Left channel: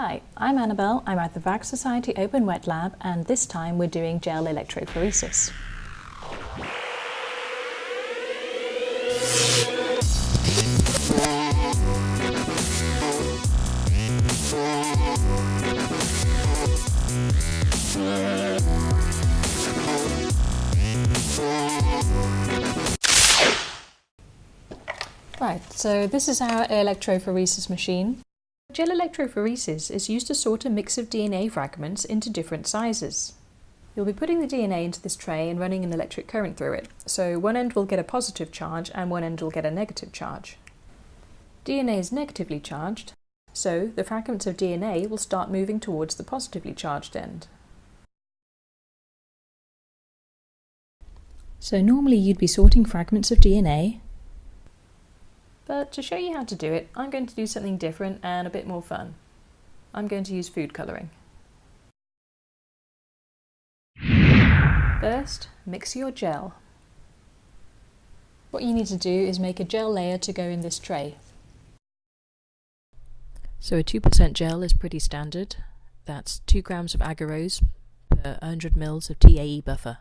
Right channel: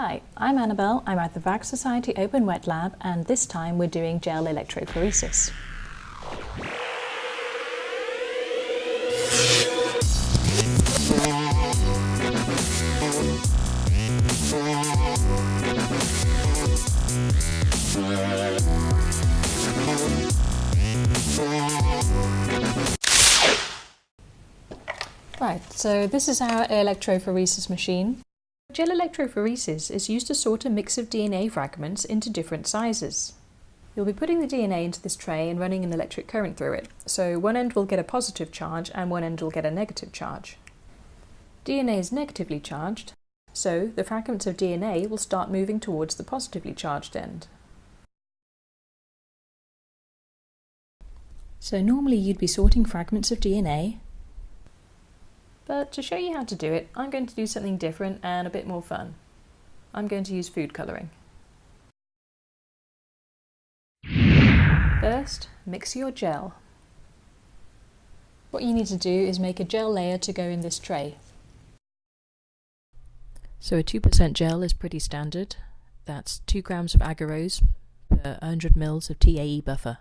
Hi, I'm Annabelle. I'm at the Waag Society Open WetLab, and this time we're doing gel electrophoresis. Right, so this is our electrophoresis machine. Gel electrophoresis is used to sort a mix of DNA fragments into different sizes. You'll be putting the DNA into this tray and running an electric current through it, so one end will get a positive charge and one end will get a negative charge. DNA is negatively charged, so the fragments of DNA will start moving towards the positively charged end. So normally you'd be sorting fragments of DNA, but to show you how to do it, I'm going to do something different and a bit more fun. I'm going to use food colouring. First, mix your gel. What you need to do is make a gel layer to go in this tray. So a 2% gel is pretty standard. That's 2 grams of agarose per 100 ml of TAE buffer.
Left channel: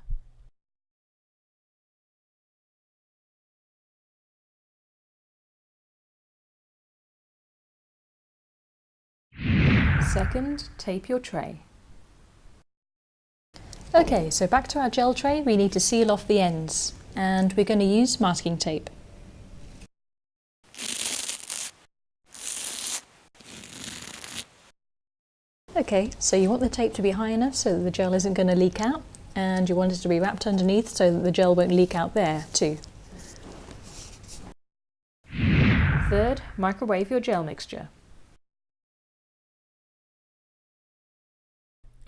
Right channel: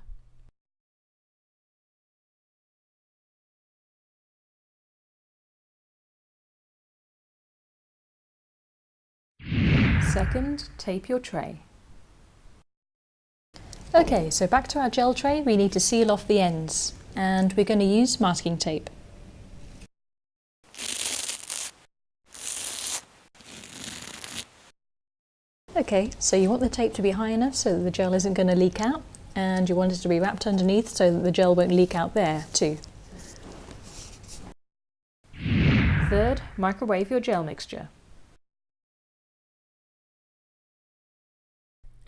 Second, tape your tray. Okay, so back to our gel tray, we need to seal off the ends, and we're going to use masking tape. Okay, so you want the tape to be high enough so that the gel isn't going to leak out, and you want it to be wrapped underneath so that the gel won't leak out there too. Third, microwave your gel mixture.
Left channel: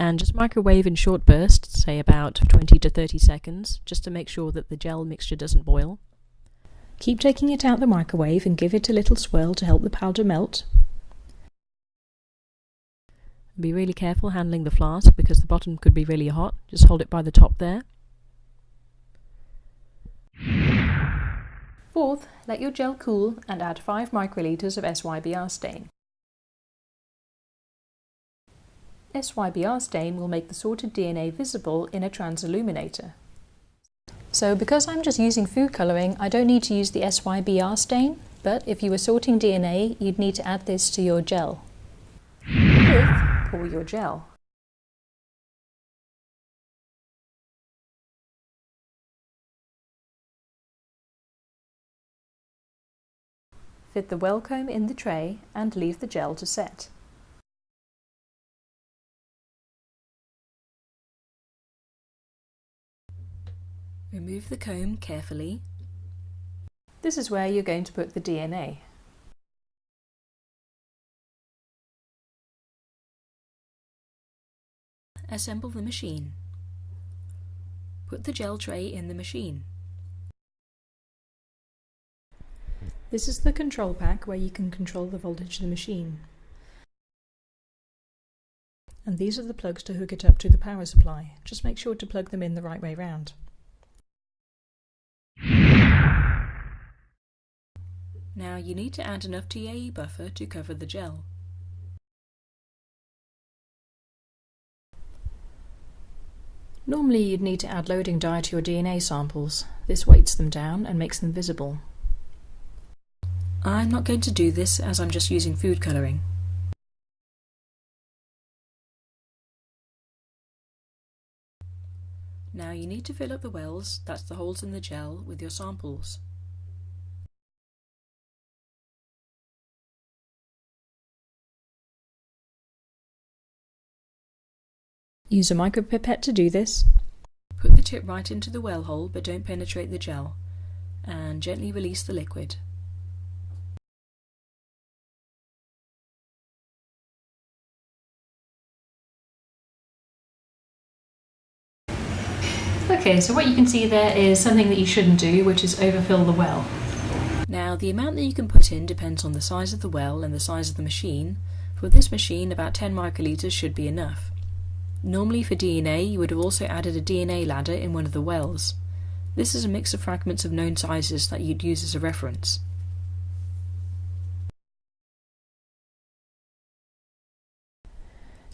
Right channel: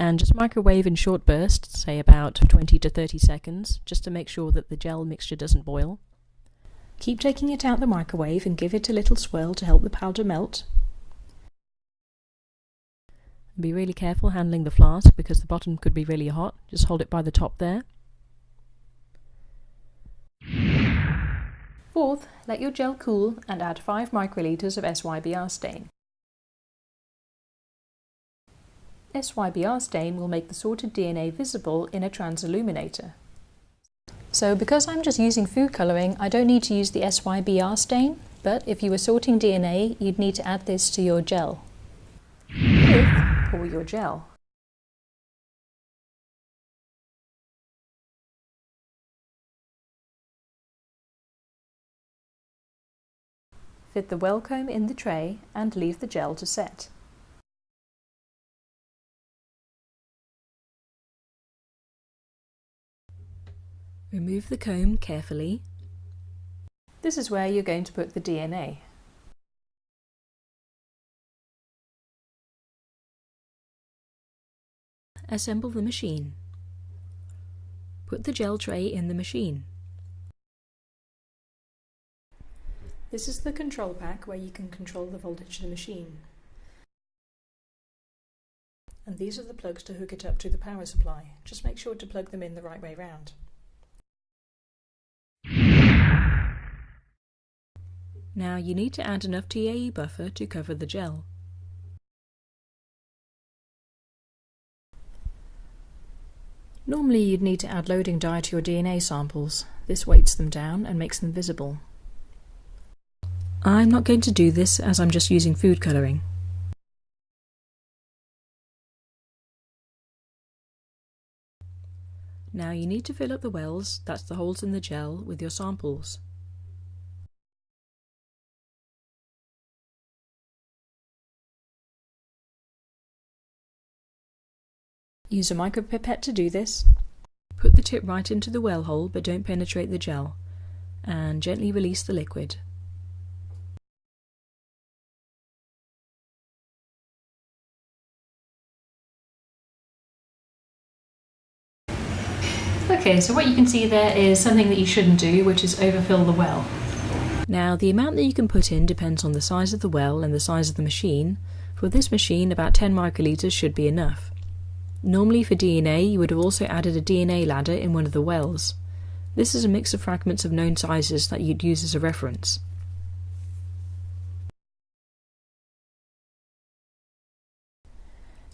And just microwave in short bursts, say about 20 to 30 seconds, just to make sure that the gel mixture doesn't boil. Keep taking it out the microwave and give it a little swirl to help the powder melt. Be really careful handling the flask because the bottom could be really hot. Just hold it by the top there. Fourth, let your gel cool and add 5 microliters of Sybr stain. Sybr stain will make the sorted DNA visible in a transilluminator. So because I'm just using food colouring, I don't need to use the Sybr stain, but if you were sorting DNA, you'd need to add this to your gel. Fifth, pour your gel. Fit the well comb in the tray and leave the gel to set. Remove the comb carefully. This is where you're going to put the DNA. Assemble the machine. Put the gel tray in the machine. This is the control pack where you can control the voltage of the machine. And these are the plugs to hook it up to the power supply. Just make sure to plug them in the right way round. Now you need to add enough TAE buffer to cover the gel. Normally you'd need to add loading dye to your DNA samples. This weights them down and makes them visible. I'm not going to do this as I'm just using food colouring. Now you need to fill up the wells, that's the holes in the gel, with your samples. Use a micropipette to do this. Put the tip right into the well hole but don't penetrate the gel, and gently release the liquid. Okay, so what you can see there is something that you shouldn't do, which is overfill the well. Now the amount that you can put in depends on the size of the well and the size of the machine. For this machine, about 10 microliters should be enough. Normally for DNA, you would have also added a DNA ladder in one of the wells. This is a mix of fragments of known sizes that you'd use as a reference.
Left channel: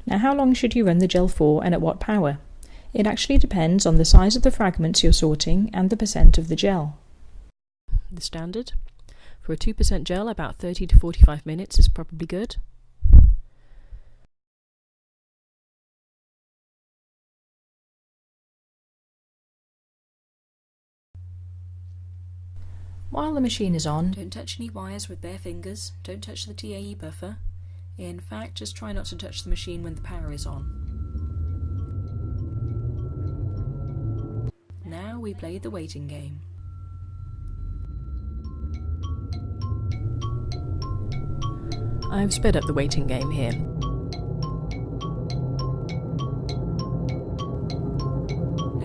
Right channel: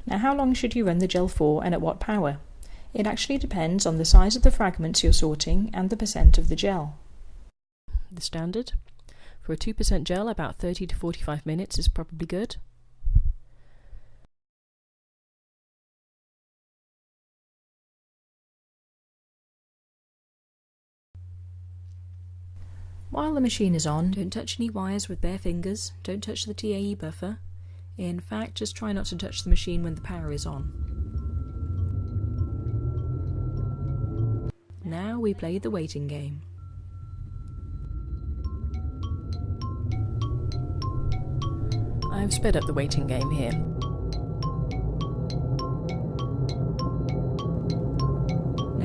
Now, how long should you run the gel for and at what power? It actually depends on the size of the fragments you're sorting and the percent of the gel. The standard for a 2% gel, about 30 to 45 minutes is probably good. While the machine is on, don't touch any wires with bare fingers, don't touch the TAE buffer. In fact, just try not to touch the machine when the power is on. Now we play the waiting game. I've sped up the waiting game here.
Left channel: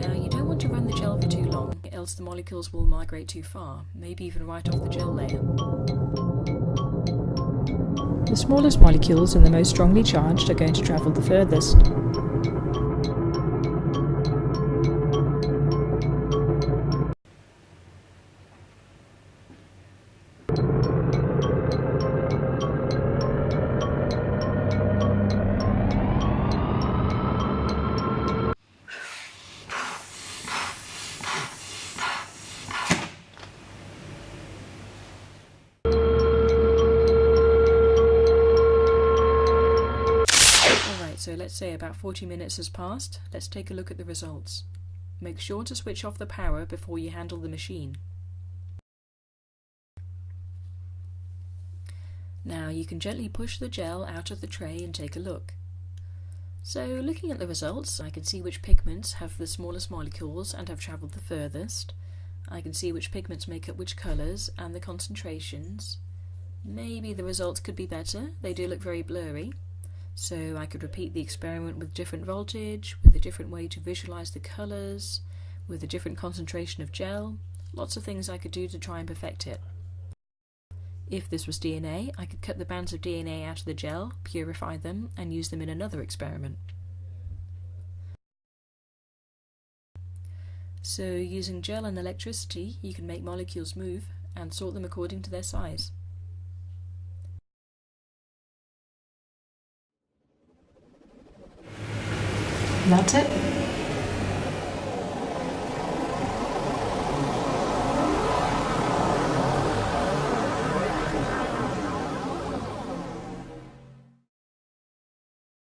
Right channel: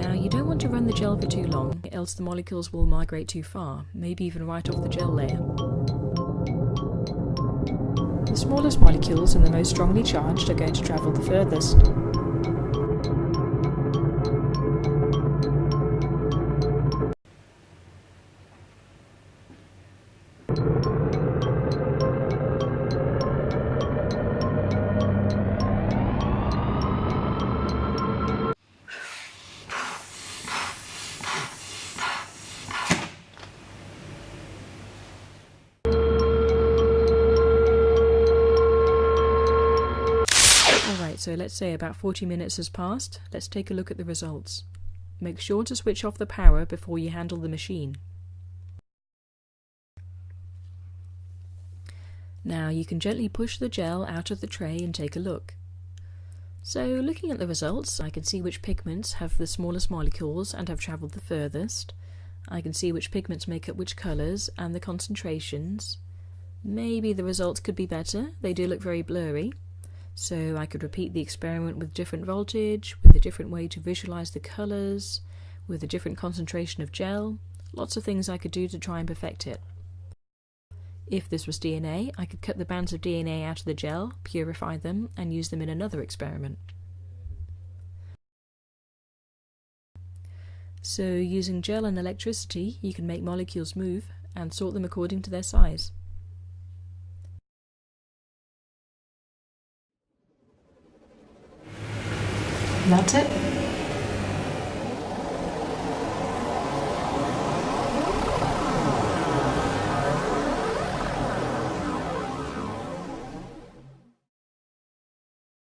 Now you don't want to run the gel for too long, else the molecules will migrate too far, maybe even right off the gel layer. The smallest molecules and the most strongly charged are going to travel the furthest. So let's say about 40 minutes has passed. Let's take a look at the results. Make sure to switch off the power before you handle the machine. Now you can gently push the gel out of the tray and take a look. So looking at the results, I can see which pigments have the smallest molecules and have travelled the furthest. I can see which pigments make up which colours and the concentrations. Maybe the results could be better. They do look very blurry. So I could repeat the experiment with different voltage, with a different way to visualise the colours, with a different concentration of gel. Lots of things I could do to try and perfect it. If this was DNA, I could cut the bands of DNA out of the gel, purify them, and use them in another experiment. So using gel and electricity, you can make molecules move and sort them according to their size. That's it.